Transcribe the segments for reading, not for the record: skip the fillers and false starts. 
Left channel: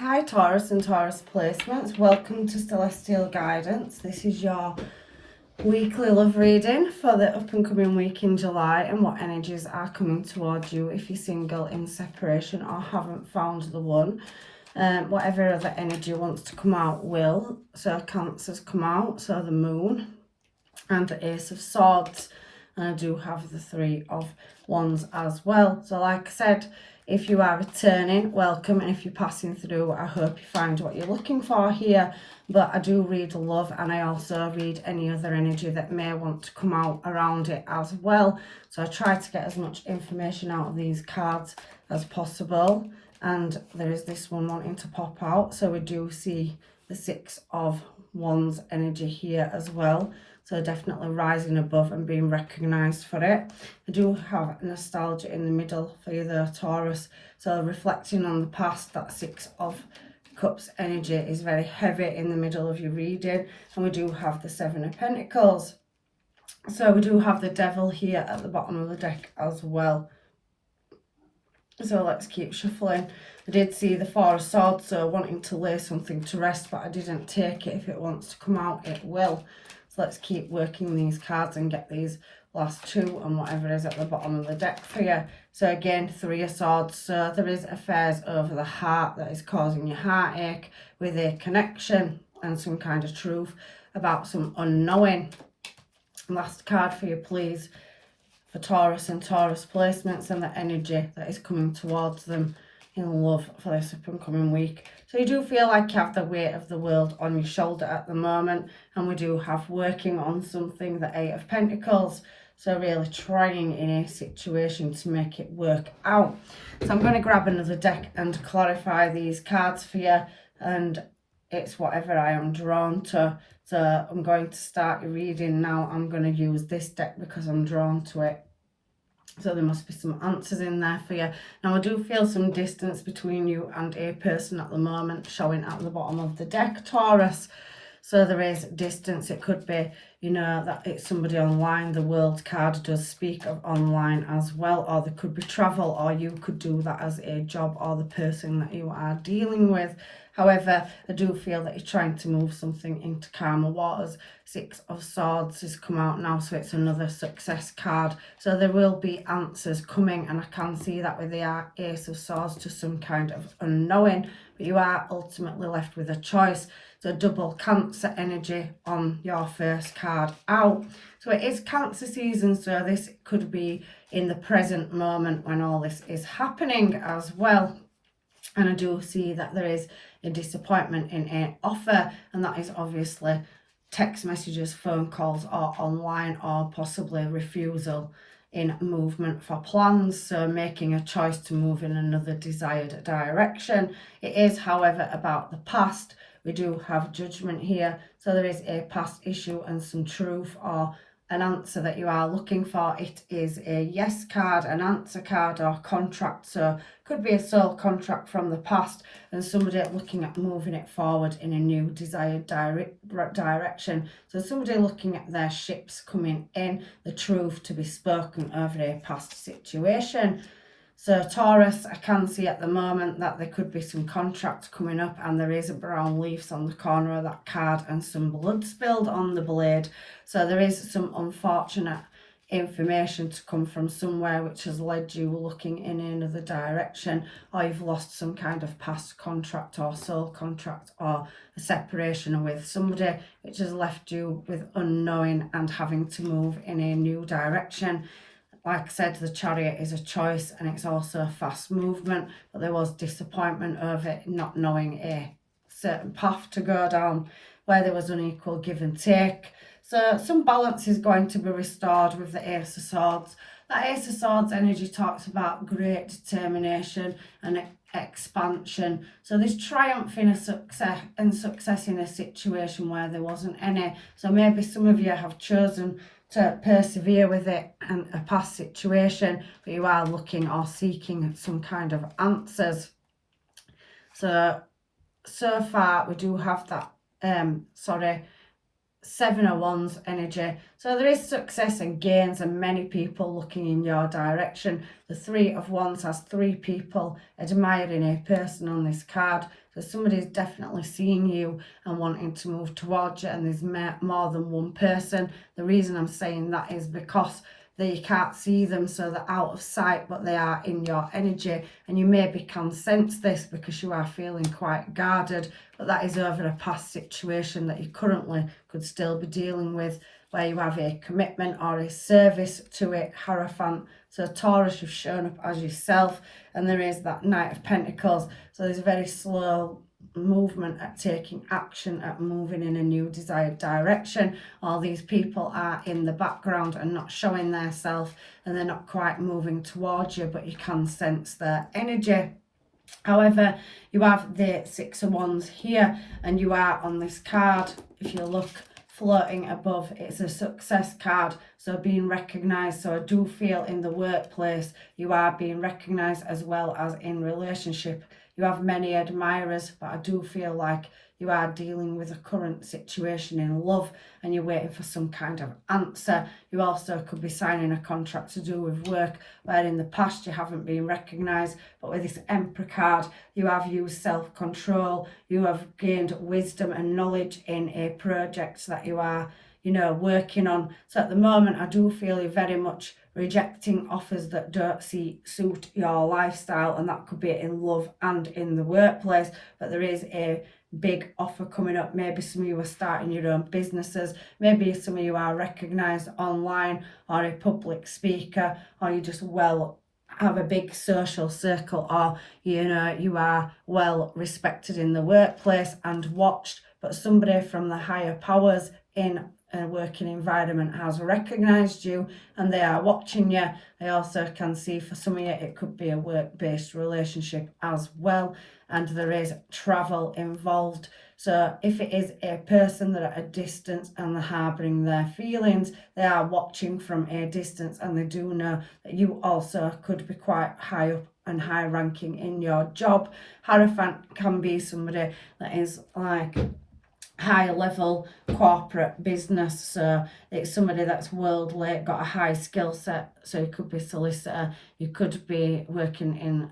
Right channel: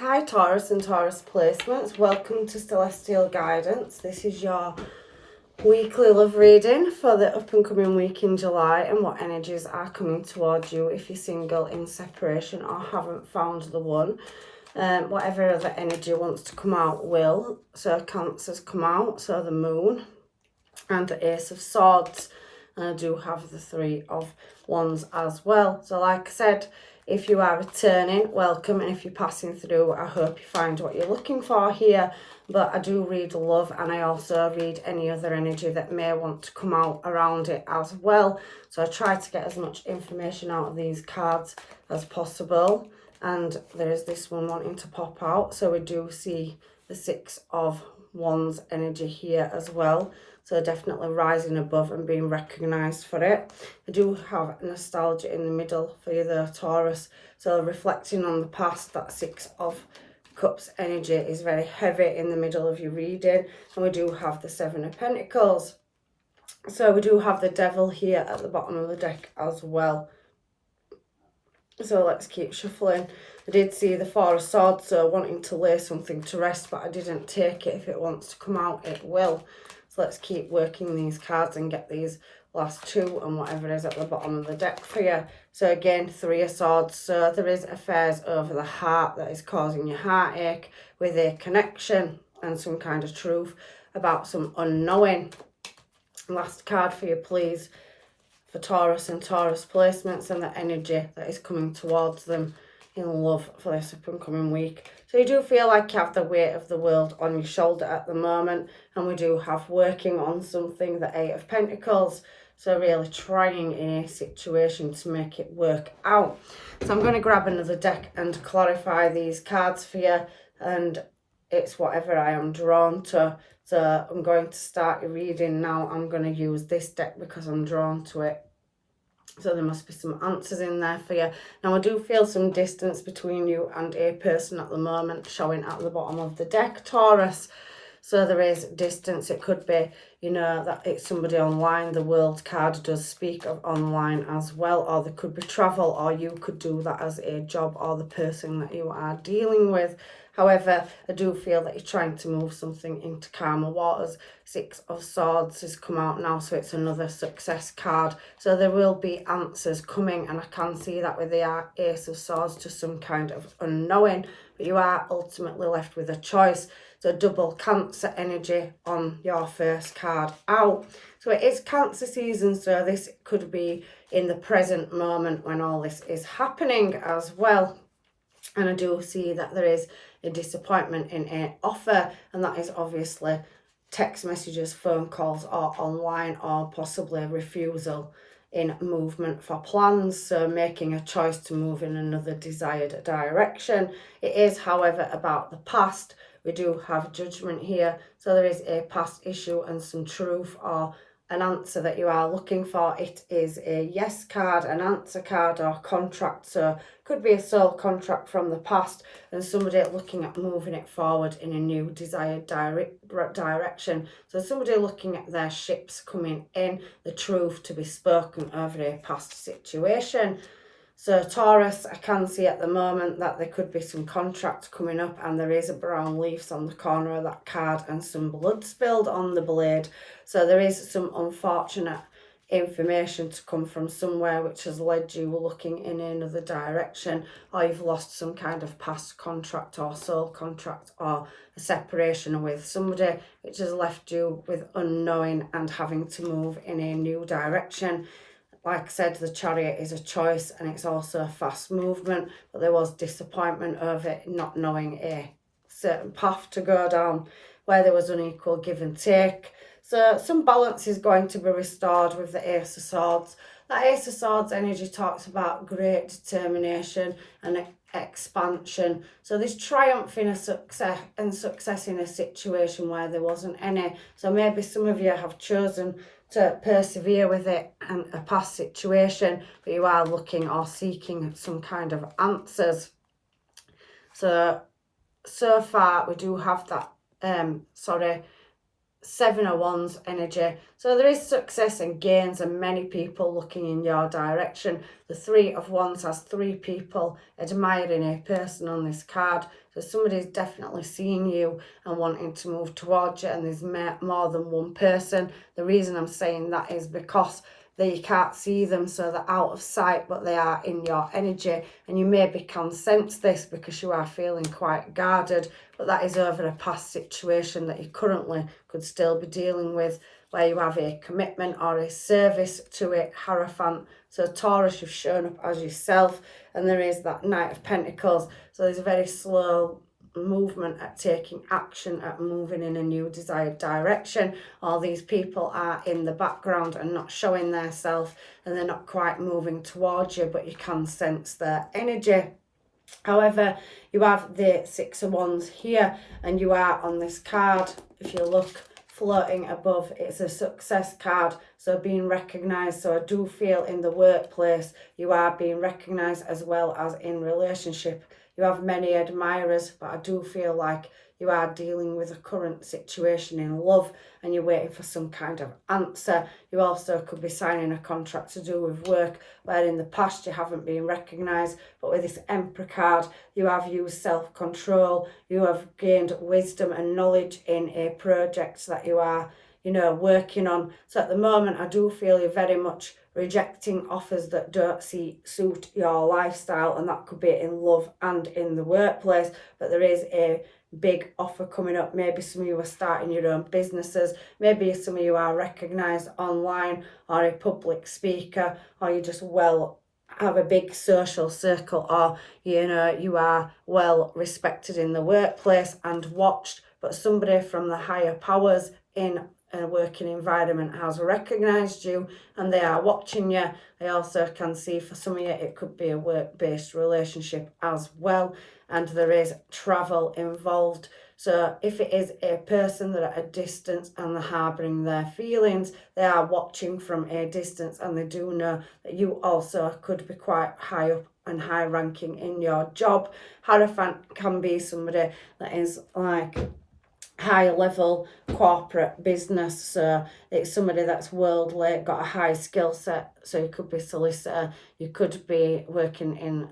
Hi Taurus and Taurus placements, welcome to Celestial Guidance. This is your weekly love reading for the up and coming week in July and what energies are coming towards you if you're single, in separation or haven't found the one. Whatever other energy wants to come out will. So Cancer's come out, so the Moon and the Ace of Swords, and I do have the Three of Wands as well. So like I said, if you are returning, welcome, and if you're passing through, I hope you find what you're looking for here. But I do read love, and I also read any other energy that may want to come out around it as well. So I try to get as much information out of these cards as possible. And there is this one wanting to pop out. So we do see the Six of Wands energy here as well. So definitely rising above and being recognised for it. I do have nostalgia in the middle for you there, Taurus. So reflecting on the past, that Six of Cups energy is very heavy in the middle of your reading. And we do have the Seven of Pentacles. So we do have the Devil here at the bottom of the deck as well. So let's keep shuffling. I did see the Four of Swords, so wanting to lay something to rest, but I didn't take it. If it wants to come out, it will. So let's keep working these cards and get these last two and whatever is at the bottom of the deck for you. So again, Three of Swords. So there is affairs over the heart that is causing you heartache with a connection and some kind of truth about some unknowing. Last card for you, please, for Taurus and Taurus placements and the energy that is coming towards them in love for this up and coming week. So you do feel like you have the weight of the world on your shoulder at the moment, and we do have working on something, the Eight of Pentacles. So really trying in a situation to make it work out. So I'm going to grab another deck and clarify these cards for you, and it's whatever I am drawn to. So I'm going to start your reading now. I'm going to use this deck because I'm drawn to it. So there must be some answers in there for you. Now I do feel some distance between you and a person at the moment, showing at the bottom of the deck, Taurus. So there is distance. It could be, you know, that it's somebody online. The World card does speak of online as well. Or there could be travel, or you could do that as a job, or the person that you are dealing with. However, I do feel that you're trying to move something into calmer waters. Six of Swords has come out now, so it's another success card. So there will be answers coming, and I can see that with the Ace of Swords to some kind of unknowing. But you are ultimately left with a choice. So double Cancer energy on your first card out. So it is Cancer season, so this could be in the present moment when all this is happening as well. And I do see that there is a disappointment in an offer, and that is obviously text messages, phone calls, or online, or possibly refusal in movement for plans. So making a choice to move in another desired direction. It is, however, about the past. We do have Judgment here, so there is a past issue and some truth or an answer that you are looking for. It is a yes card, an answer card, or contract. So could be a soul contract from the past and somebody looking at moving it forward in a new desired direction. So somebody looking at their ships coming in, the truth to be spoken over a past situation. So Taurus, I can see at the moment that there could be some contracts coming up, and there is a brown leaves on the corner of that card and some blood spilled on the blade. So there is some unfortunate information to come from somewhere which has led you looking in another direction, or you've lost some kind of past contract or soul contract, or a separation with somebody which has left you with unknowing and having to move in a new direction. Like I said, the Chariot is a choice, and it's also a fast movement, but there was disappointment over it not knowing a certain path to go down where there was unequal give and take. So some balance is going to be restored with the Ace of Swords. That Ace of Swords energy talks about great determination and expansion. So there's triumph in a success in a situation where there wasn't any. So maybe some of you have chosen to persevere with it and a past situation, but you are looking or seeking some kind of answers. So far we do have that Seven of Wands energy. So there is success and gains and many people looking in your direction. The Three of Wands has three people admiring a person on this card. So somebody's definitely seeing you and wanting to move towards you, and there's more than one person. The reason I'm saying that is because you can't see them, so they're out of sight, but they are in your energy, and you maybe can sense this because you are feeling quite guarded, but that is over a past situation that you currently could still be dealing with, where you have a commitment or a service to it, Hierophant. So Taurus, you've shown up as yourself, and there is that Knight of Pentacles, so there's a very slow movement at taking action, at moving in a new desired direction. All these people are in the background and not showing their self, and they're not quite moving towards you, but you can sense their energy. However, you have the Six of Wands here, and you are on this card, if you look floating above, it's a success card, so being recognized. So I do feel in the workplace you are being recognized, as well as in relationship. You have many admirers, but I do feel like you are dealing with a current situation in love and you're waiting for some kind of answer. You also could be signing a contract to do with work where in the past you haven't been recognised, but with this Emperor card you have used self-control, you have gained wisdom and knowledge in a project that you are, working on. So at the moment I do feel you're very much rejecting offers that don't suit your lifestyle, and that could be in love and in the workplace, but there is a big offer coming up. Maybe some of you are starting your own businesses, maybe some of you are recognised online or a public speaker, or you just have a big social circle, or you are well respected in the workplace and watched, but somebody from the higher powers in a working environment has recognised you and they are watching you. I also can see for some of you it could be a work-based relationship as well, and there is travel involved. So if it is a person that are at a distance and they're harbouring their feelings, they are watching from a distance, and they do know that you also could be quite high up and high ranking in your job. Hierophant can be somebody that is like high level corporate business, so it's somebody that's worldly, got a high skill set. So you could be solicitor, you could be working in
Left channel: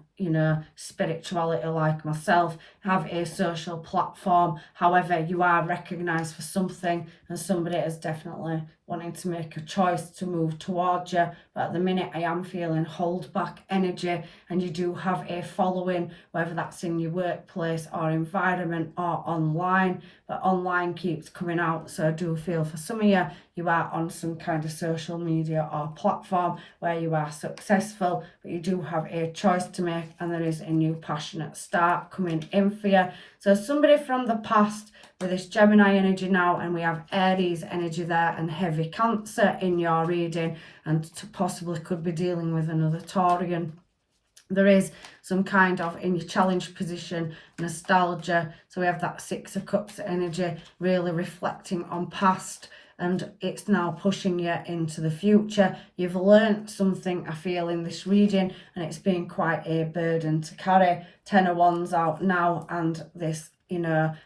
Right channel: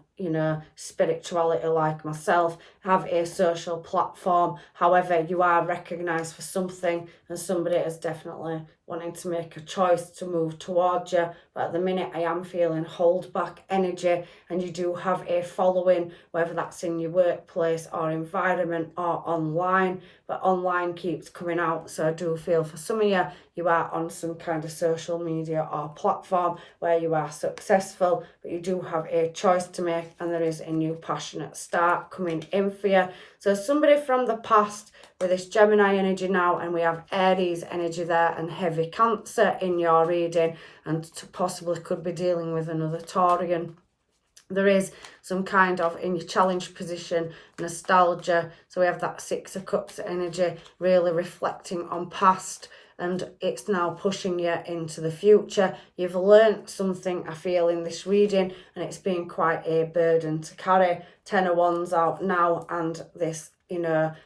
spirituality like myself, have a social platform. However, you are recognized for something, and somebody is definitely wanting to make a choice to move towards you, but at the minute I am feeling hold back energy, and you do have a following, whether that's in your workplace or environment or online, but online keeps coming out. So I do feel for some of you, you are on some kind of social media or platform where you are successful, but you do have a choice to make, and there is a new passionate start coming in for you. So somebody from the past with this Gemini energy now, and we have Aries energy there and heavy Cancer in your reading, and possibly could be dealing with another Taurian. There is some kind of, in your challenge position, nostalgia. So we have that Six of Cups energy really reflecting on past, and it's now pushing you into the future. You've learned something, I feel, in this reading, and it's been quite a burden to carry. Ten of Wands out now, and this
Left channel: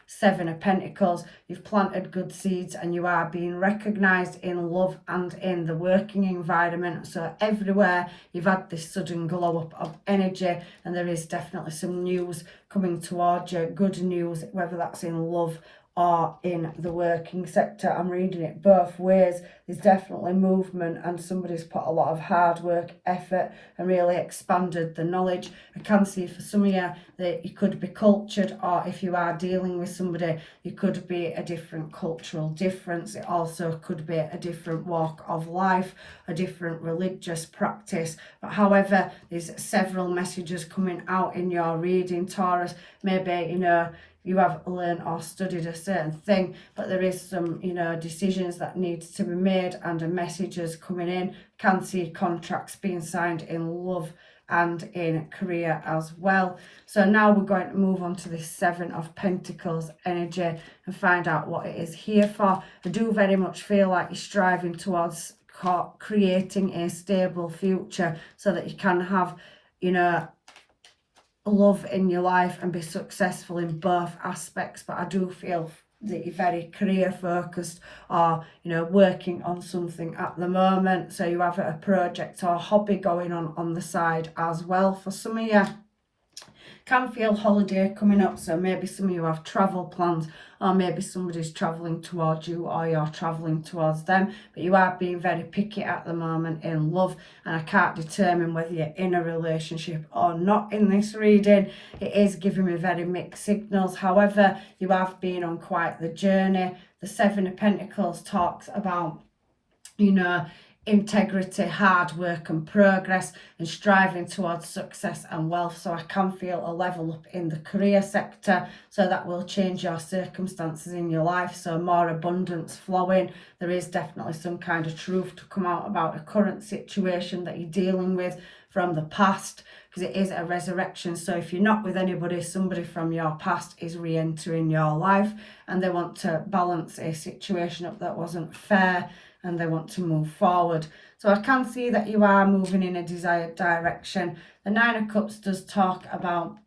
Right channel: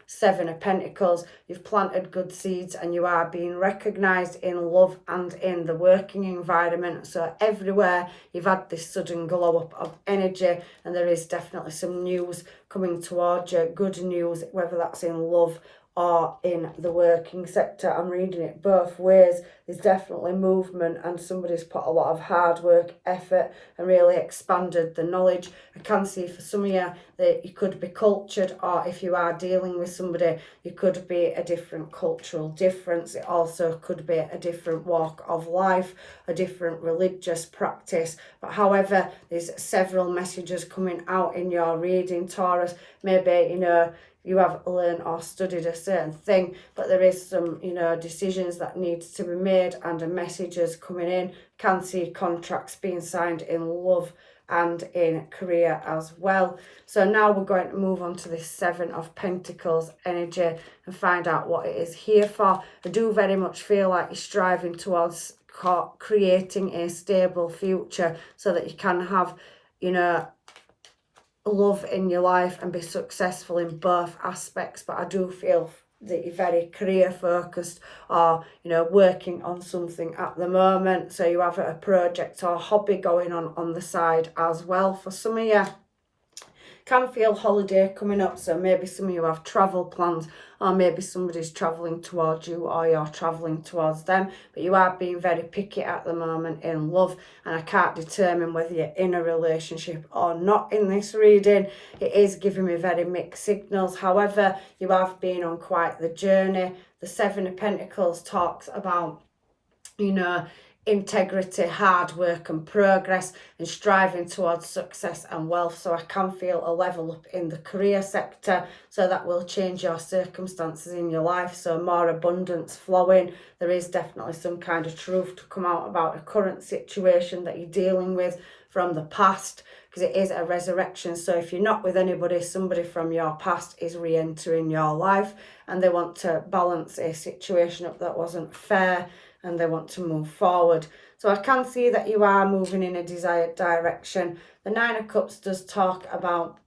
Seven of Pentacles. You've planted good seeds, and you are being recognised in love and in the working environment. So everywhere you've had this sudden glow up of energy, and there is definitely some news coming towards you, good news, whether that's in love or in the working sector. I'm reading it both ways. There's definitely movement, and somebody's put a lot of hard work, effort, and really expanded the knowledge. I can see for some of you that you could be cultured, or if you are dealing with somebody, you could be a different cultural difference. It also could be a different walk of life, a different religious practice. But however, there's several messages coming out in your reading, Taurus. Maybe, you have learned or studied a certain thing, but there is some, decisions that need to be made, and messages coming in. Can see contracts being signed in love and in career as well. So now we're going to move on to this Seven of Pentacles energy and find out what it is here for. I do very much feel like you're striving towards creating a stable future so that you can have, love in your life and be successful in both aspects. But I do feel that you're very career focused, or working on something at the moment, so you have a project or hobby going on the side as well. For some of you, can feel holiday coming up, so maybe some of you have travel plans, or maybe somebody's travelling towards you or you're travelling towards them, but you are being very picky at the moment in love, and I can't determine whether you're in a relationship or not in this reading. It is giving me very mixed signals. However, you have been on quite the journey. The Seven of Pentacles talks about integrity, hard work and progress, and striving towards success and wealth. So I can feel a level up in the career sector, so that will change your circumstances in your life, so more abundance flowing. There is definitely some kind of truth to come out about a current situation that you're dealing with from the past, because it is a resurrection. So if you're not with anybody, somebody from your past is re-entering your life, and they want to balance a situation up that wasn't fair, and they want to move forward. So I can see that you are moving in a desired direction. The Nine of Cups does talk about,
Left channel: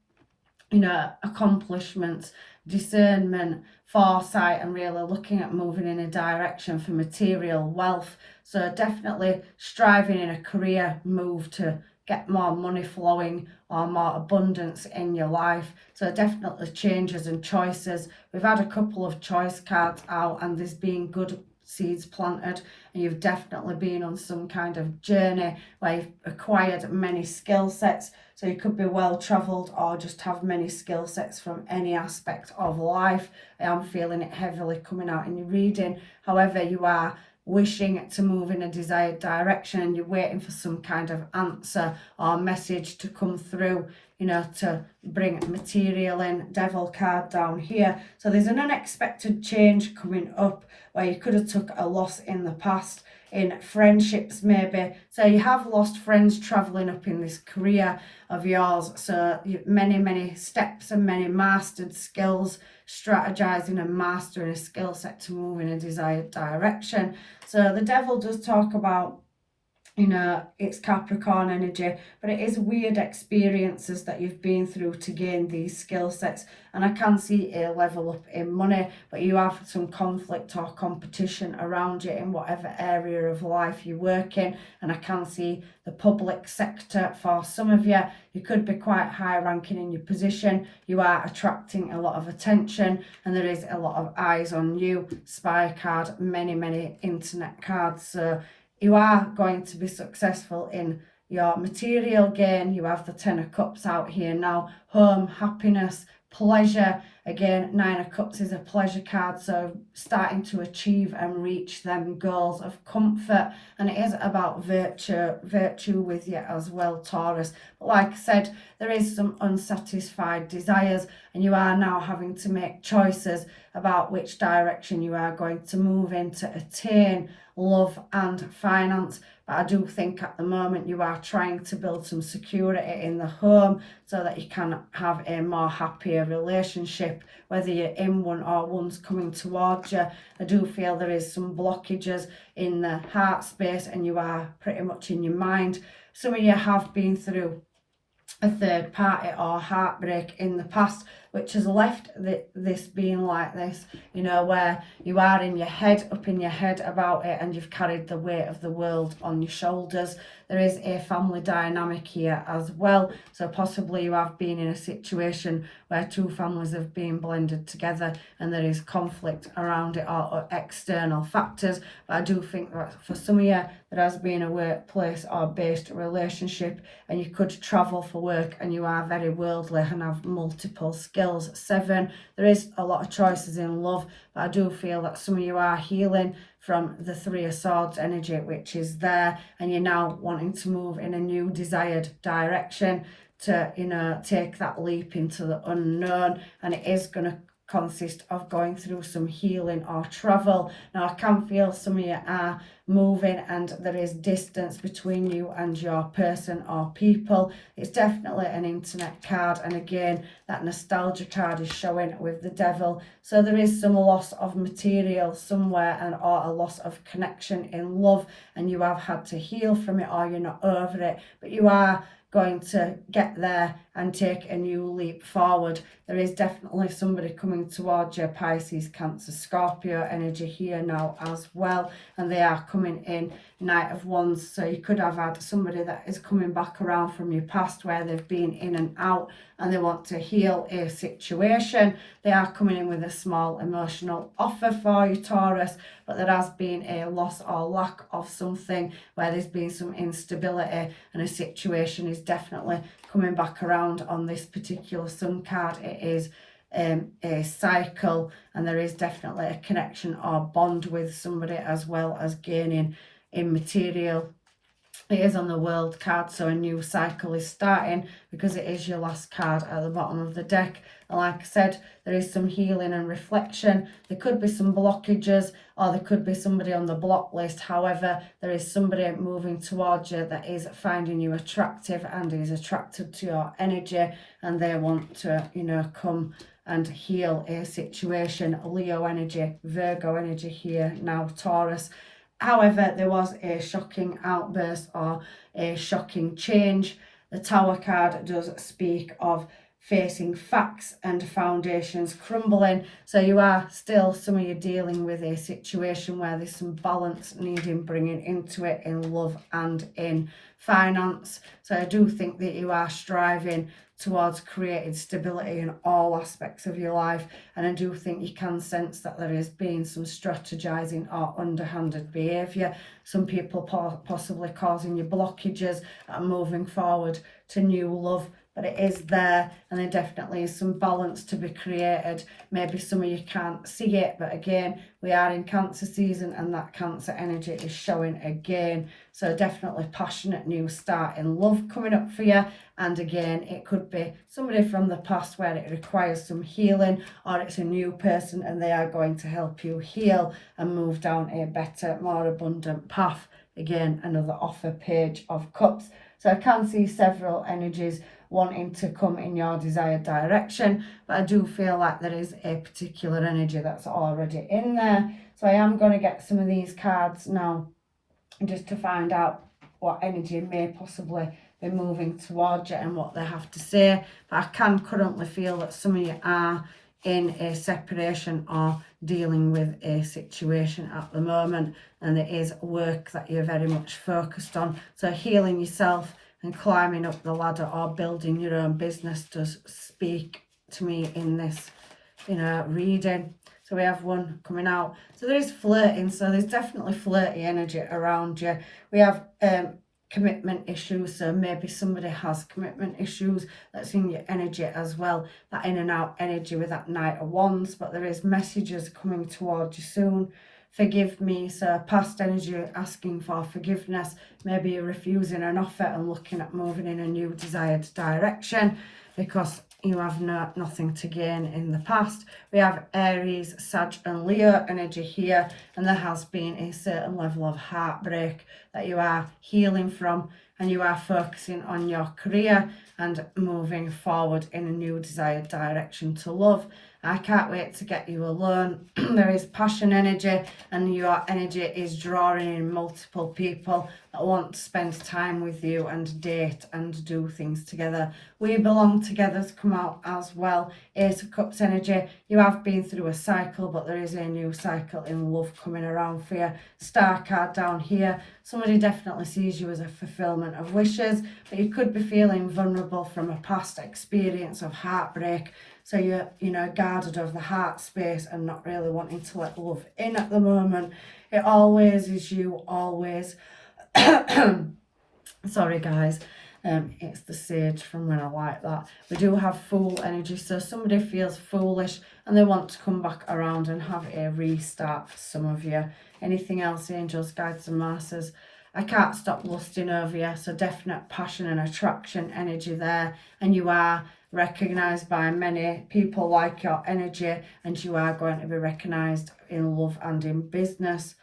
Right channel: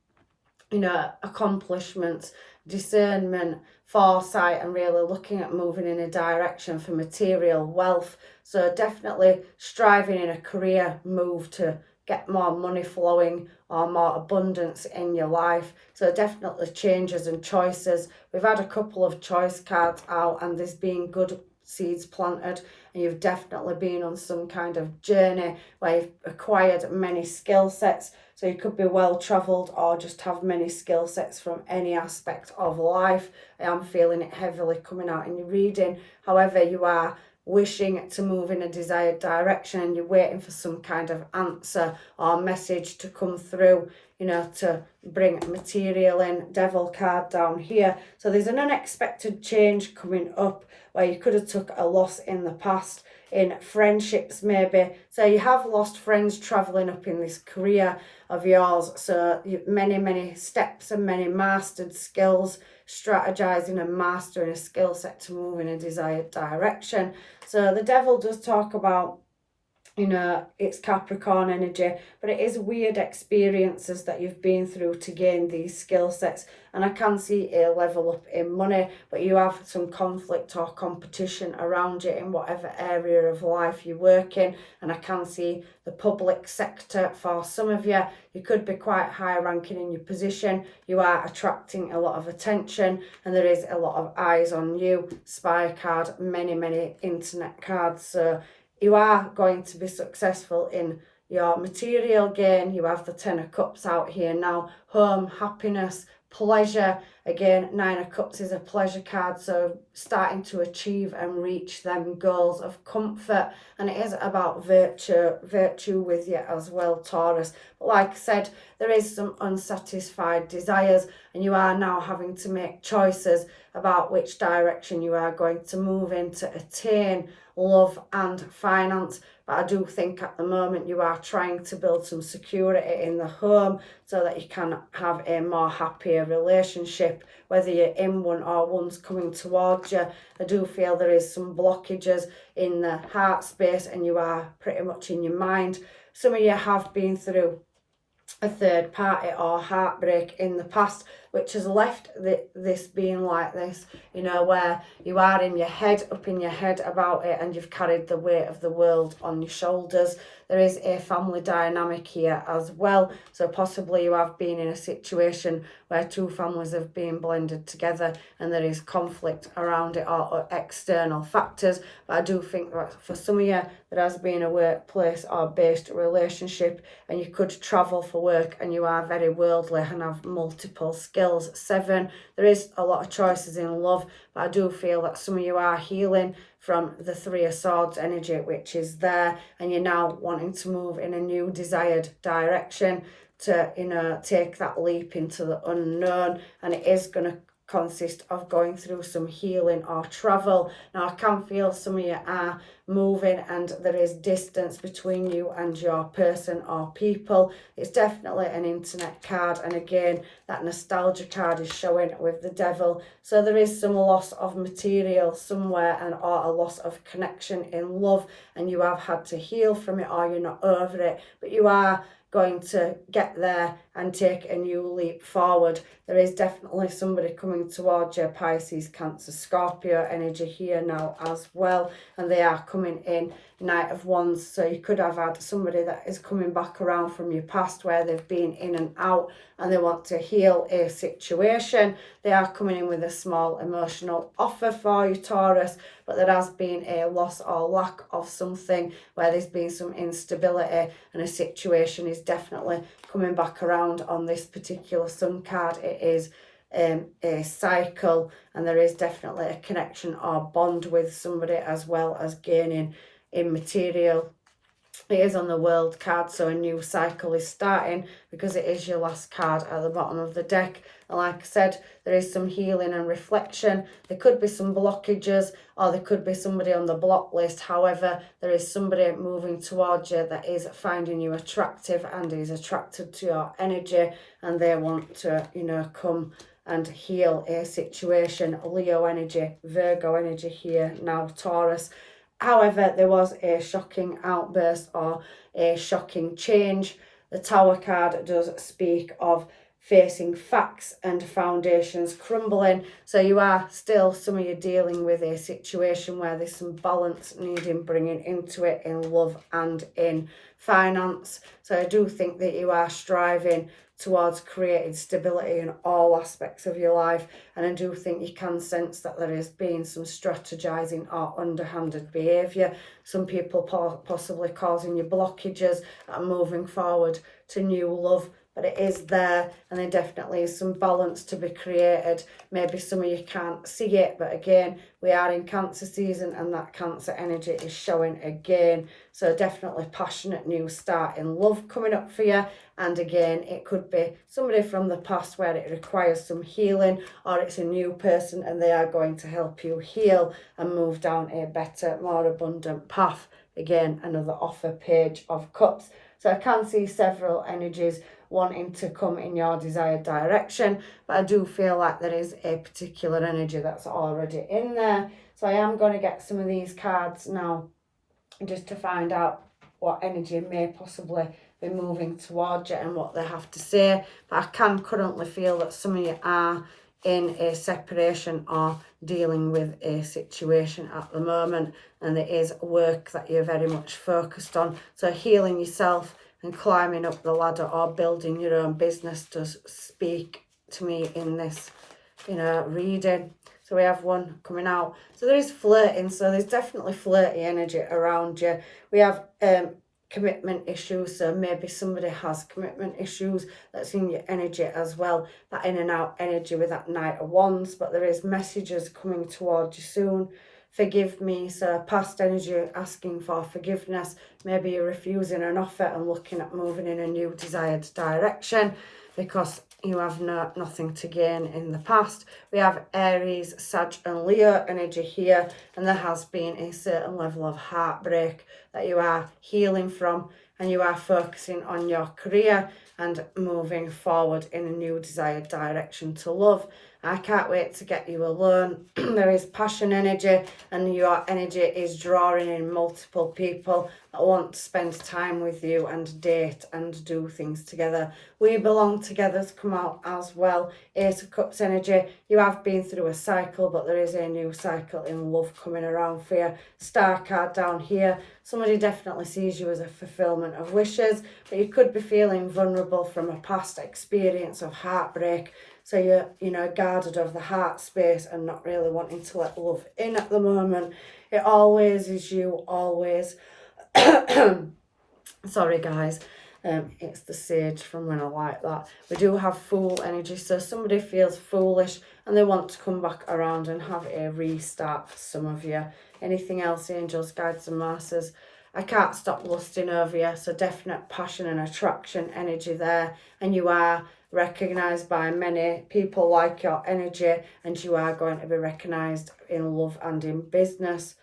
accomplishments, discernment, foresight, and really looking at moving in a direction for material wealth. So definitely striving in a career move to get more money flowing or more abundance in your life. So definitely changes and choices. We've had a couple of choice cards out, and there's been good seeds planted, and you've definitely been on some kind of journey where you've acquired many skill sets. So you could be well travelled or just have many skill sets from any aspect of life. I am feeling it heavily coming out in your reading. However, you are wishing to move in a desired direction. You're waiting for some kind of answer or message to come through, to bring material in. Devil card down here. So there's an unexpected change coming up, where you could have took a loss in the past in friendships maybe. So you have lost friends travelling up in this career of yours. So many steps and many mastered skills, strategizing and mastering a skill set to move in a desired direction. So the Devil does talk about, it's Capricorn energy, but it is weird experiences that you've been through to gain these skill sets. And I can see a level up in money, but you have some conflict or competition around you in whatever area of life you work in. And I can see the public sector for some of you. You could be quite high ranking in your position. You are attracting a lot of attention, and there is a lot of eyes on you. Spy card, many internet cards. So you are going to be successful in your material gain. You have the Ten of Cups out here now. Home, happiness, pleasure. Again, Nine of Cups is a pleasure card, so starting to achieve and reach them goals of comfort. And it is about virtue with you as well, Taurus. But like I said, there is some unsatisfied desires, and you are now having to make choices about which direction you are going to move in to attain love and finance. But I do think at the moment you are trying to build some security in the home, so that you can have a more happier relationship, whether you're in one or one's coming towards you. I do feel there is some blockages in the heart space, and you are pretty much in your mind. Some of you have been through a third party or heartbreak in the past, which has left this being like this, where you are in your head, up in your head about it, and you've carried the weight of the world on your shoulders. There is a family dynamic here as well, so possibly you have been in a situation where two families have been blended together and there is conflict around it, or external factors. But I do think that for some of you there has been a workplace or based relationship, and you could travel for work, and you are very worldly and have multiple skills. 7, there is a lot of choices in love, but I do feel that some of you are healing from the Three of Swords energy, which is there, and you're now wanting to move in a new desired direction to take that leap into the unknown. And it is going to consist of going through some healing or travel. Now I can feel some of you are moving, and there is distance between you and your person or people. It's definitely an internet card, and again that nostalgia card is showing with the Devil. So there is some loss of material somewhere, or a loss of connection in love, and you have had to heal from it, or you're not over it, but you are going to get there and take a new leap forward. There is definitely somebody coming towards you, Pisces, Cancer, Scorpio energy here now as well, and they are coming in Knight of Wands. So you could have had somebody that is coming back around from your past where they've been in and out and they want to heal a situation. They are coming in with a small emotional offer for you, Taurus, but there has been a loss or lack of something where there's been some instability, and a situation is definitely coming back around on this particular Sun card. It is a cycle, and there is definitely a connection or bond with somebody, as well as gaining in material. It is on the World card, so a new cycle is starting because it is your last card at the bottom of the deck. And like I said, there is some healing and reflection. There could be some blockages, or there could be somebody on the block list. However, there is somebody moving towards you that is finding you attractive and is attracted to your energy, and they want to, come and heal a situation. Leo energy, Virgo energy here now, Taurus. However, there was a shocking outburst or a shocking change. The Tower card does speak of facing facts and foundations crumbling. So you are still, some of you, dealing with a situation where there's some balance needing bringing into it in love and in finance. So I do think that you are striving towards creating stability in all aspects of your life, and I do think you can sense that there is being some strategizing or underhanded behavior. Some people possibly causing you blockages and moving forward to new love, but it is there, and there definitely is some balance to be created. Maybe some of you can't see it, but again, we are in Cancer season, and that Cancer energy is showing again. So definitely passionate new start in love coming up for you. And again, it could be somebody from the past where it requires some healing, or it's a new person and they are going to help you heal and move down a better, more abundant path. Again, another offer, Page of Cups. So I can see several energies wanting to come in your desired direction, but I do feel like there is a particular energy that's already in there. So I am going to get some of these cards now just to find out what energy may possibly be moving towards you and what they have to say. But I can currently feel that some of you are in a separation or dealing with a situation at the moment, and there is work that you're very much focused on. So healing yourself and climbing up the ladder or building your own business does speak to me in this, reading. So we have one coming out. So there is flirting. So there's definitely flirty energy around you. We have commitment issues. So maybe somebody has commitment issues that's in your energy as well. That in and out energy with that Knight of Wands. But there is messages coming towards you soon. Forgive me. So past energy asking for forgiveness. Maybe you're refusing an offer and looking at moving in a new desired direction because you have nothing to gain in the past. We have Aries, Sag and Leo energy here, and there has been a certain level of heartbreak that you are healing from, and you are focusing on your career and moving forward in a new desired direction to love. I can't wait to get you alone. There is passion energy, and your energy is drawing in multiple people that want to spend time with you and date and do things together. We Belong Together's come out as well. Ace of Cups energy. You have been through a cycle, but there is a new cycle in love coming around for you. Star card down here. Somebody definitely sees you as a fulfillment of wishes, but you could be feeling vulnerable from a past experience of heartbreak. So you're, guarded of the heart space and not really wanting to let love in at the moment. It always is you, always. Sorry, guys. It's the sage from when I like that. We do have Fool energy. So somebody feels foolish and they want to come back around and have a restart for some of you. Anything else, angels, guides and masters? I can't stop lusting over you. So definite passion and attraction energy there. And you are recognised by many people like your energy, and you are going to be recognised in love and in business.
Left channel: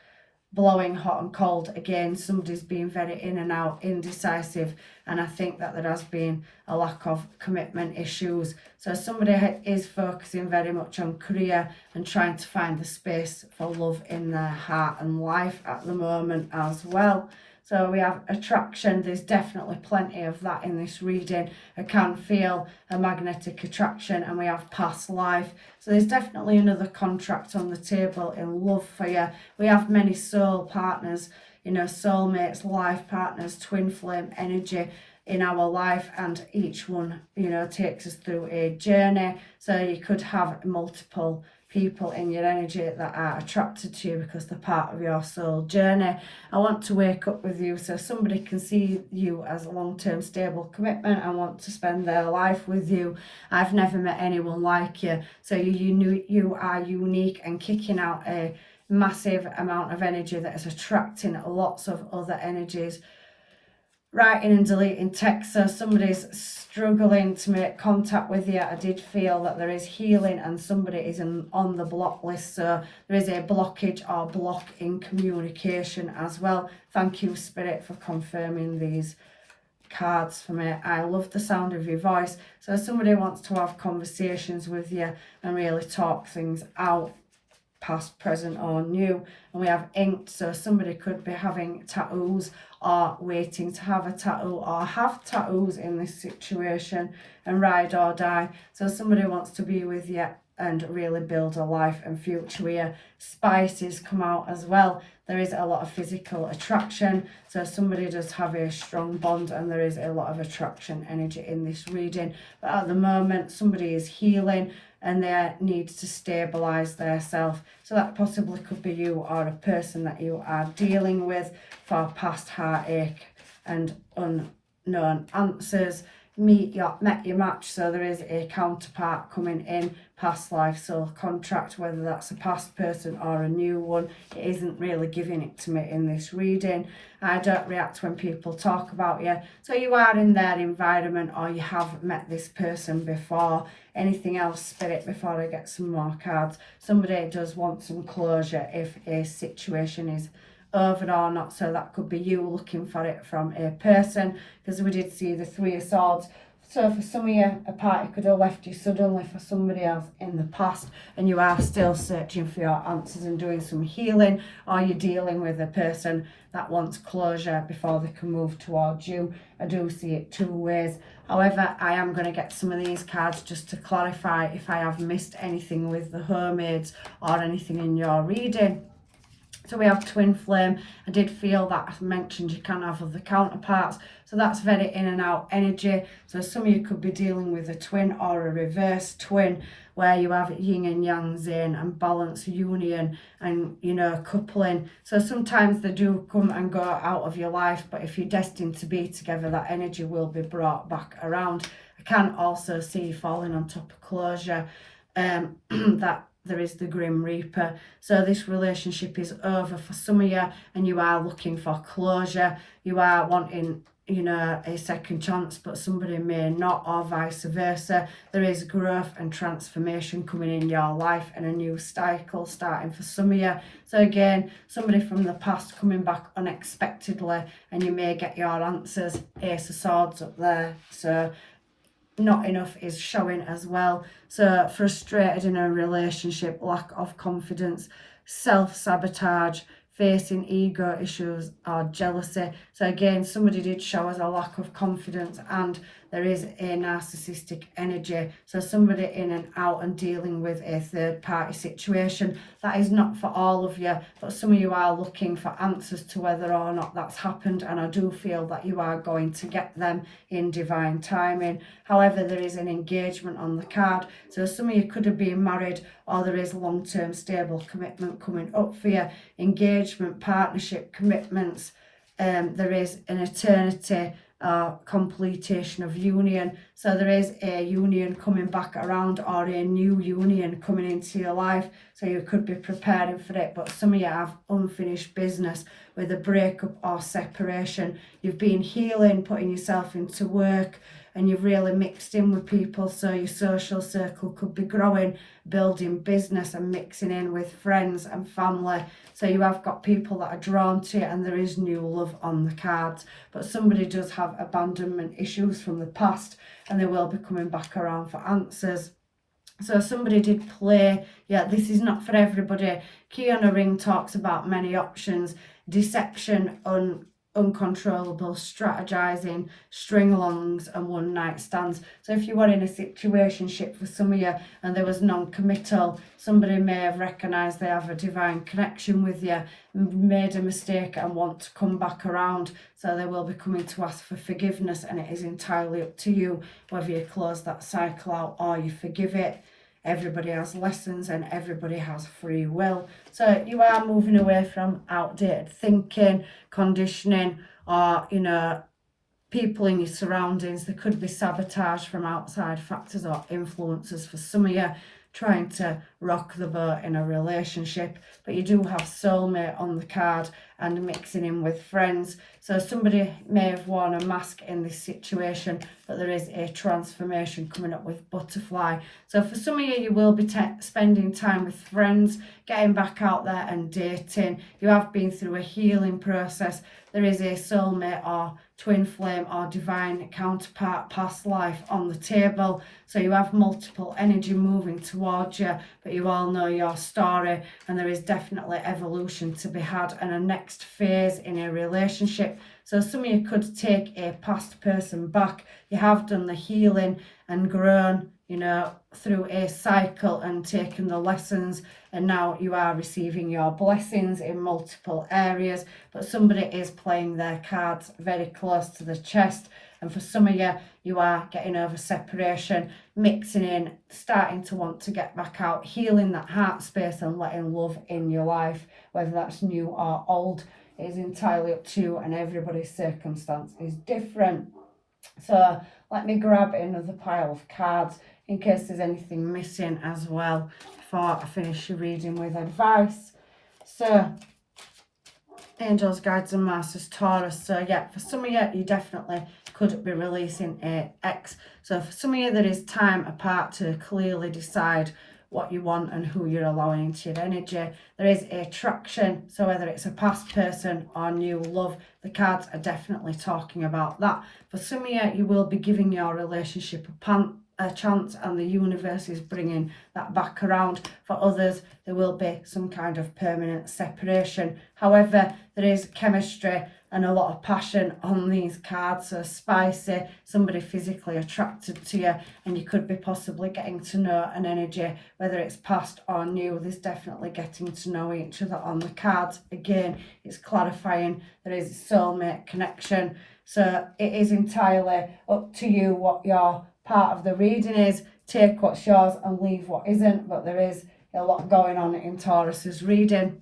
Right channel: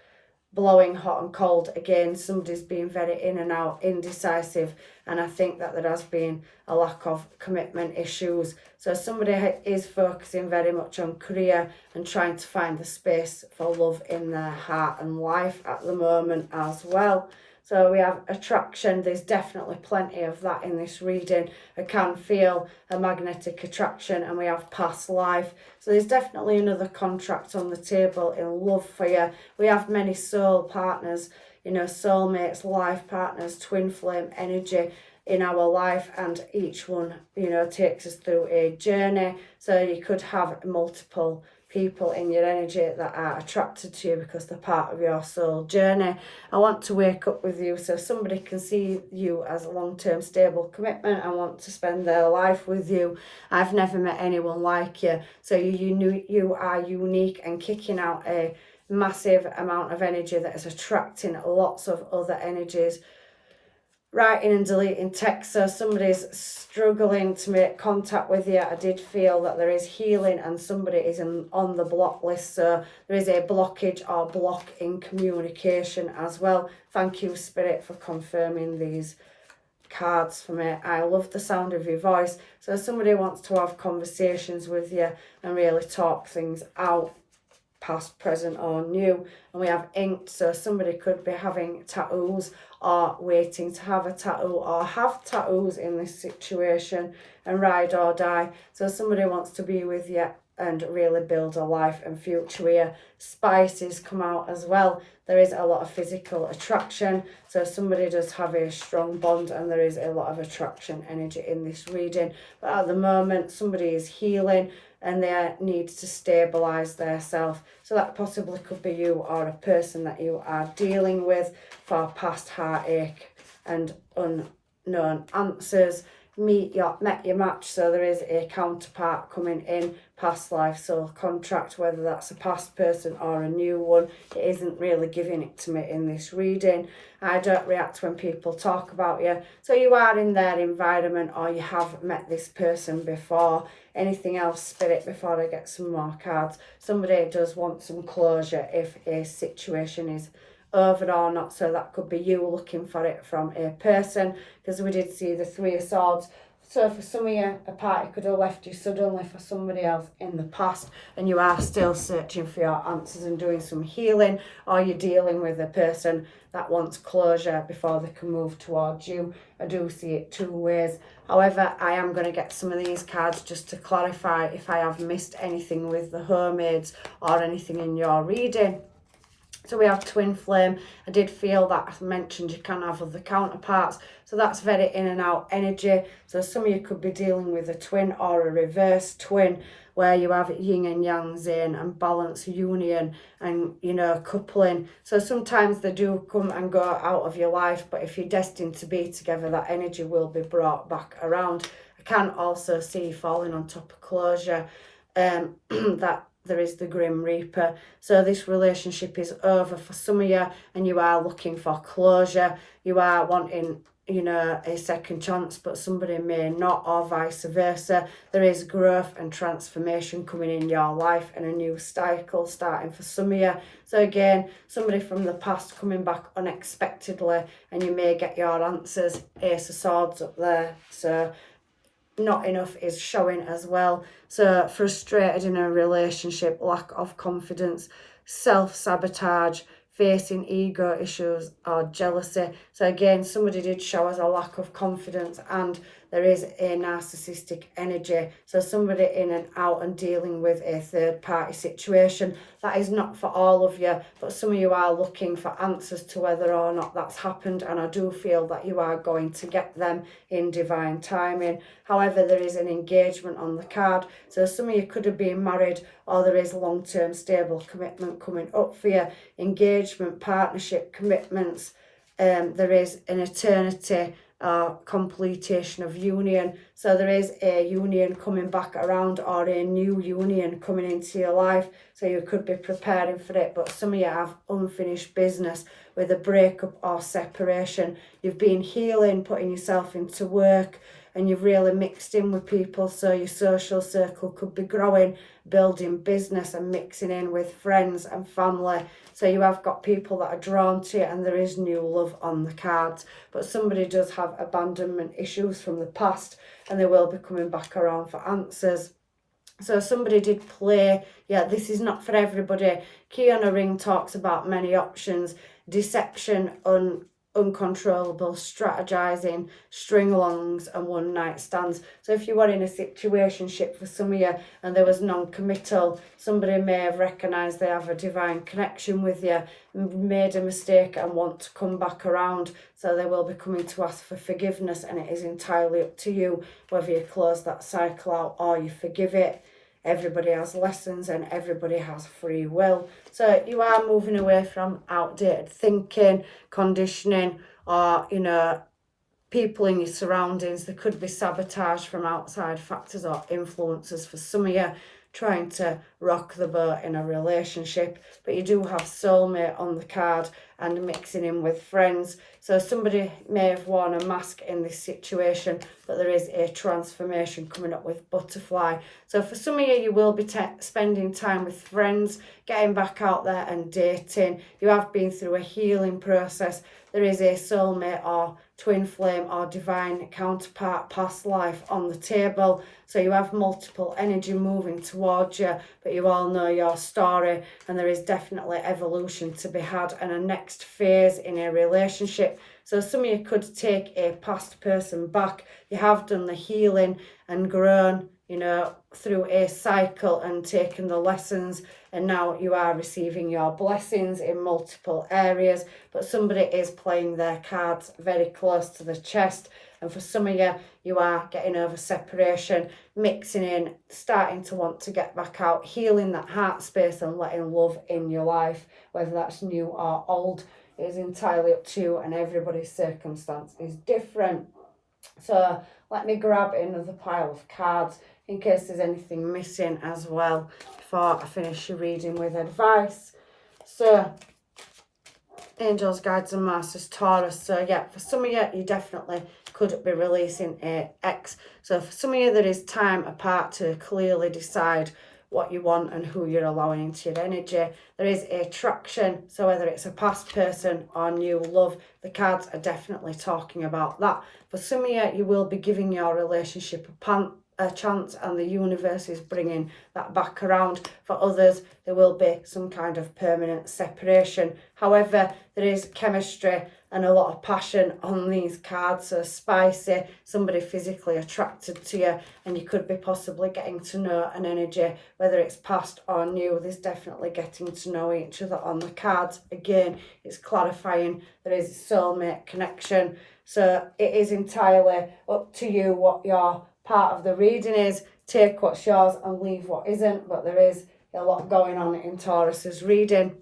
Blowing hot and cold again, somebody's been very in and out, indecisive, and I think that there has been a lack of commitment issues. So somebody is focusing very much on career and trying to find the space for love in their heart and life at the moment as well. So we have attraction. There's definitely plenty of that in this reading. I can feel a magnetic attraction, and we have past life. So there's definitely another contract on the table in love for you. We have many soul partners, you know, soulmates, life partners, twin flame energy in our life, and each one, you know, takes us through a journey. So you could have multiple people in your energy that are attracted to you because they're part of your soul journey. I want to wake up with you, so somebody can see you as a long-term stable commitment and want to spend their life with you. I've never met anyone like you. So you are unique and kicking out a massive amount of energy that is attracting lots of other energies. Writing and deleting text, so somebody's struggling to make contact with you. I did feel that there is healing and somebody is on the block list, so there is a blockage or block in communication as well. Thank you, Spirit, for confirming these cards for me. I love the sound of your voice. So somebody wants to have conversations with you and really talk things out, past, present or new. And we have inked, so somebody could be having tattoos or waiting to have a tattoo or have tattoos in this situation, and ride or die. So somebody wants to be with you and really build a life and future here. Spices come out as well. There is a lot of physical attraction, so somebody does have a strong bond and there is a lot of attraction energy in this reading. But at the moment somebody is healing and they need to stabilise themselves. So that possibly could be you or a person that you are dealing with for past heartache and unknown answers. Met your match, so there is a counterpart coming in, past life soul contract, whether that's a past person or a new one. It isn't really giving it to me in this reading. I don't react when people talk about you, so you are in their environment or you have met this person before. Anything else, Spirit, before I get some more cards? Somebody does want some closure if a situation is over or not, so that could be you looking for it from a person, because we did see the Three of Swords. So for some of you, a party could have left you suddenly for somebody else in the past, and you are still searching for your answers and doing some healing, or you're dealing with a person that wants closure before they can move towards you. I do see it two ways. However, I am going to get some of these cards just to clarify if I have missed anything with the Hermaids or anything in your reading. So we have twin flame. I did feel that I mentioned you can have other counterparts. So that's very in and out energy. So some of you could be dealing with a twin or a reverse twin, where you have yin and yang in and balance, union and, you know, coupling. So sometimes they do come and go out of your life, but if you're destined to be together, that energy will be brought back around. I can also see you falling on top of closure. That there is the Grim Reaper. So this relationship is over for some of you and you are looking for closure. You are wanting, you know, a second chance, but somebody may not, or vice versa. There is growth and transformation coming in your life and a new cycle starting for some of you. So again, somebody from the past coming back unexpectedly and you may get your answers. Ace of Swords up there. So not enough is showing as well. So frustrated in a relationship, lack of confidence, self-sabotage, facing ego issues or jealousy. So again, somebody did show us a lack of confidence and there is a narcissistic energy. So somebody in and out and dealing with a third party situation. That is not for all of you, but some of you are looking for answers to whether or not that's happened, and I do feel that you are going to get them in divine timing. However, there is an engagement on the card. So some of you could have been married, or there is long-term stable commitment coming up for you. Engagement, partnership, commitments. There is an eternity completion of union. So there is a union coming back around or a new union coming into your life. So you could be preparing for it, but some of you have unfinished business with a breakup or separation. You've been healing, putting yourself into work, and you've really mixed in with people, so your social circle could be growing, building business and mixing in with friends and family. So you have got people that are drawn to you and there is new love on the cards. But somebody does have abandonment issues from the past and they will be coming back around for answers. So somebody did play, yeah, this is not for everybody. Key on a Ring talks about many options, deception, uncontrollable strategizing, string-alongs and one-night stands. So if you were in a situationship for some of you and there was non-committal, somebody may have recognised they have a divine connection with you, made a mistake and want to come back around. So they will be coming to ask for forgiveness, and it is entirely up to you whether you close that cycle out or you forgive it. Everybody has lessons and everybody has free will. So you are moving away from outdated thinking, conditioning, or, you know, people in your surroundings. There could be sabotage from outside factors or influences for some of you trying to rock the boat in a relationship. But you do have soulmate on the card and mixing in with friends. So somebody may have worn a mask in this situation, but there is a transformation coming up with butterfly. So for some of you, you will be spending time with friends, getting back out there and dating. You have been through a healing process. There is a soulmate or twin flame or divine counterpart past life on the table. So you have multiple energy moving towards you, but you all know your story, and there is definitely evolution to be had and a next phase in a relationship. So some of you could take a past person back. You have done the healing and grown, you know, through a cycle and taken the lessons, and now you are receiving your blessings in multiple areas. But somebody is playing their cards very close to the chest, and for some of you, you are getting over separation, mixing in, starting to want to get back out, healing that heart space and letting love in your life, whether that's new or old. It is entirely up to you, and everybody's circumstance is different. So let me grab another pile of cards in case there's anything missing as well before I finish your reading with advice. So angels, guides and masters, Taurus. So yeah, for some of you, you definitely could be releasing a ex. So for some of you, there is time apart to clearly decide what you want and who you're allowing into your energy. There is attraction, so whether it's a past person or new love, the cards are definitely talking about that. For some of you, you will be giving your relationship a chance, and the universe is bringing that back around. For others, there will be some kind of permanent separation. However, there is chemistry and a lot of passion on these cards, so spicy, somebody physically attracted to you, and you could be possibly getting to know an energy, whether it's past or new. There's definitely getting to know each other on the cards. Again, it's clarifying there is a soulmate connection. So it is entirely up to you what your part of the reading is. Take what's yours and leave what isn't, but there is a lot going on in Taurus's reading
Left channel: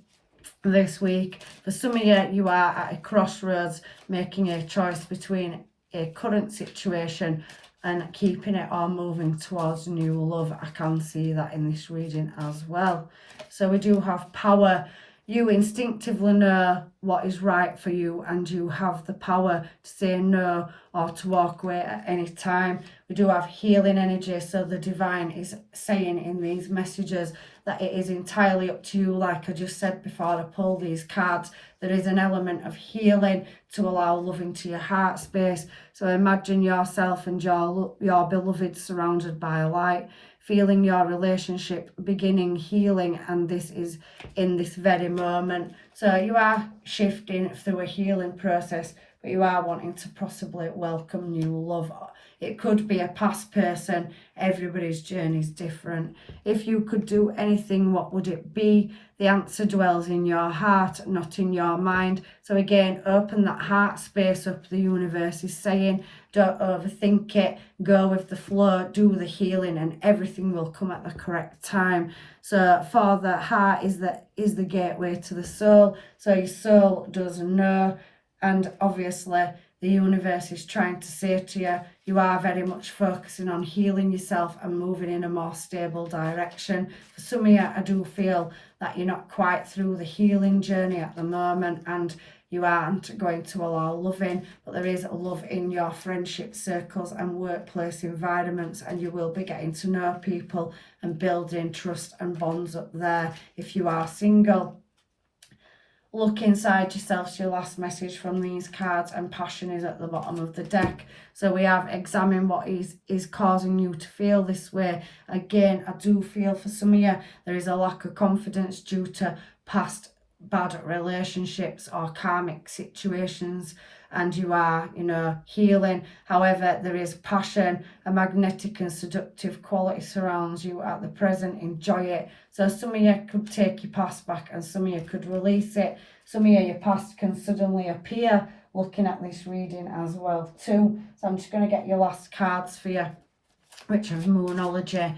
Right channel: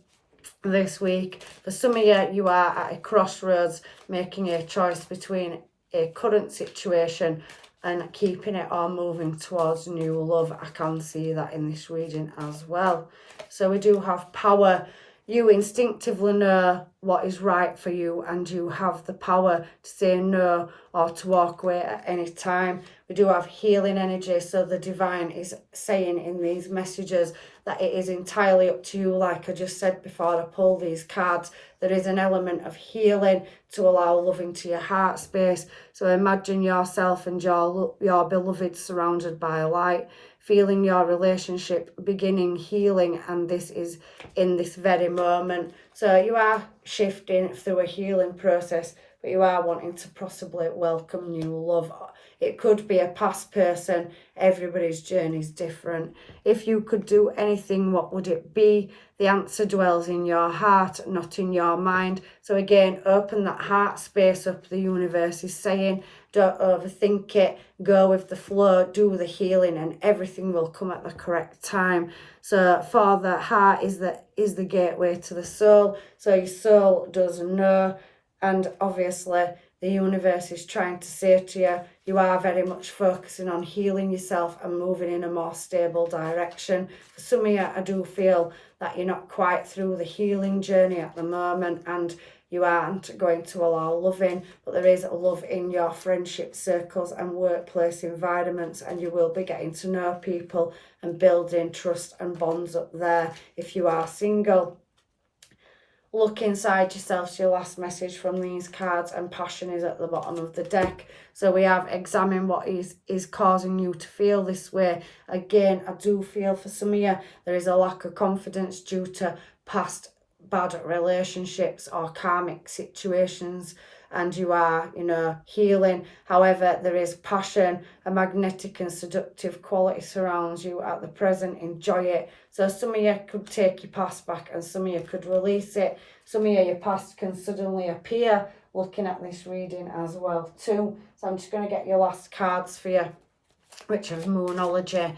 this week. For some of you, you are at a crossroads, making a choice between a current situation and keeping it or moving towards new love. I can see that in this reading as well. So we do have power. You instinctively know what is right for you, and you have the power to say no or to walk away at any time. We do have healing energy, so the divine is saying in these messages that it is entirely up to you. Like I just said before I pull these cards, there is an element of healing to allow love into your heart space. So imagine yourself and your beloved surrounded by light, feeling your relationship beginning healing, and this is in this very moment. So you are shifting through a healing process, but you are wanting to possibly welcome new love. It could be a past person. Everybody's journey is different. If you could do anything, what would it be? The answer dwells in your heart, not in your mind. So again, open that heart space up. The universe is saying, don't overthink it. Go with the flow, do the healing, and everything will come at the correct time. So for the heart is the gateway to the soul. So your soul does know, and obviously the universe is trying to say to you, you are very much focusing on healing yourself and moving in a more stable direction. For some of you, I do feel that you're not quite through the healing journey at the moment, and you aren't going to allow love in, but there is love in your friendship circles and workplace environments, and you will be getting to know people and building trust and bonds up there if you are single. Look inside yourself. So your last message from these cards, and passion is at the bottom of the deck. So we have examine what is causing you to feel this way. Again, I do feel for some of you there is a lack of confidence due to past bad relationships or karmic situations, and you are, healing. However, there is passion, a magnetic and seductive quality surrounds you at the present. Enjoy it. So some of you could take your past back, and some of you could release it. Some of your past can suddenly appear looking at this reading as well too. So I'm just going to get your last cards for you, which is Moonology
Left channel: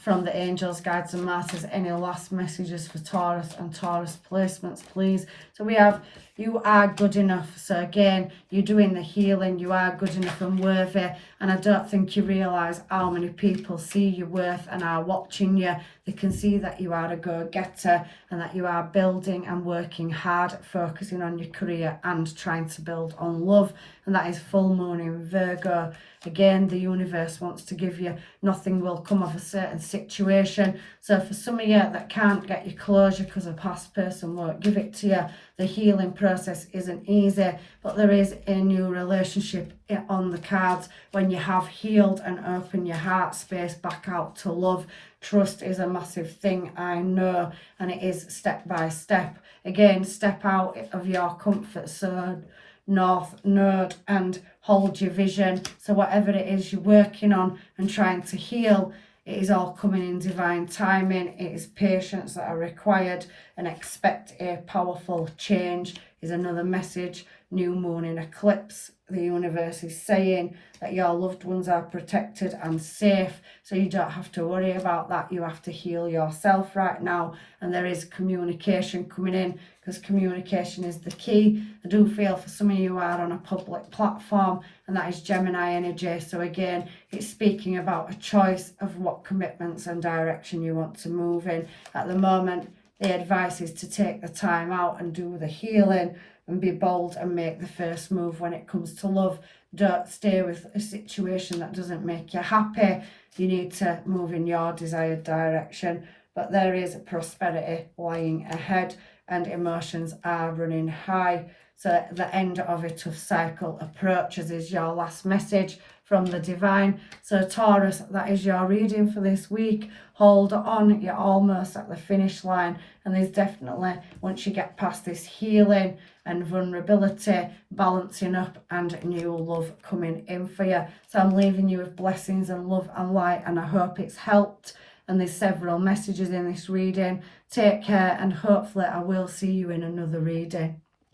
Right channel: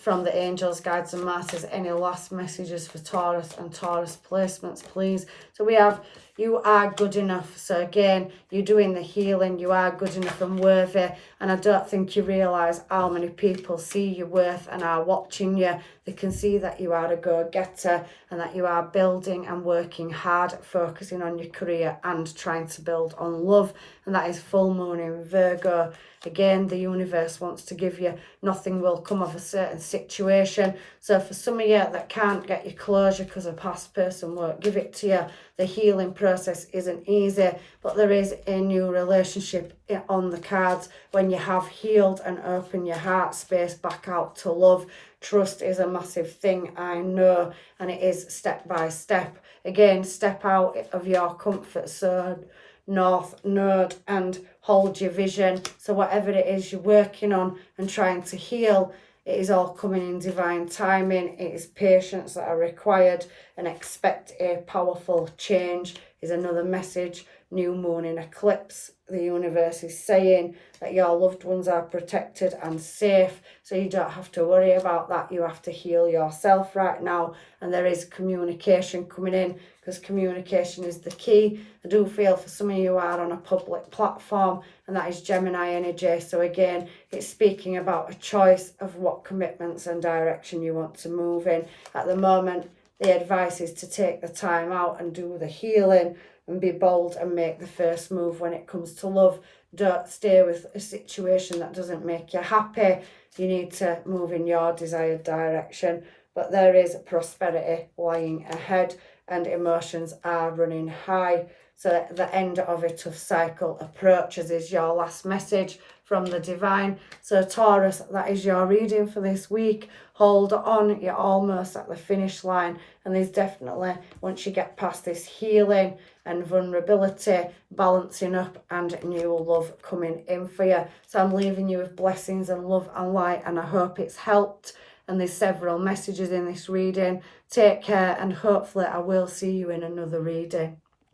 from the angels, guides and masters. Any last messages for Taurus and Taurus placements, please? So we have, you are good enough. So again, you're doing the healing. You are good enough and worthy. And I don't think you realise how many people see your worth and are watching you. They can see that you are a go-getter and that you are building and working hard, focusing on your career and trying to build on love. And that is full moon in Virgo. Again, the universe wants to give you, nothing will come of a certain situation. So for some of you that can't get your closure because a past person won't give it to you, the healing process isn't easy, but there is a new relationship on the cards when you have healed and opened your heart space back out to love. Trust is a massive thing, I know, and it is step by step. Again, step out of your comfort zone, North Node, and hold your vision. So whatever it is you're working on and trying to heal, it is all coming in divine timing. It is patience that are required, and expect a powerful change is another message. New moon in eclipse. The universe is saying that your loved ones are protected and safe, so you don't have to worry about that. You have to heal yourself right now, and there is communication coming in, because communication is the key. I do feel for some of you are on a public platform, and that is Gemini energy. So again, it's speaking about a choice of what commitments and direction you want to move in. At the moment, the advice is to take the time out and do the healing and be bold and make the first move when it comes to love. Don't stay with a situation that doesn't make you happy. You need to move in your desired direction. But there is prosperity lying ahead, and emotions are running high. So the end of a tough cycle approaches is your last message from the divine. So Taurus, that is your reading for this week. Hold on, you're almost at the finish line, and there's definitely, once you get past this healing and vulnerability, balancing up, and new love coming in for you. So I'm leaving you with blessings and love and light, and I hope it's helped. And there's several messages in this reading. Take care, and hopefully I will see you in another reading.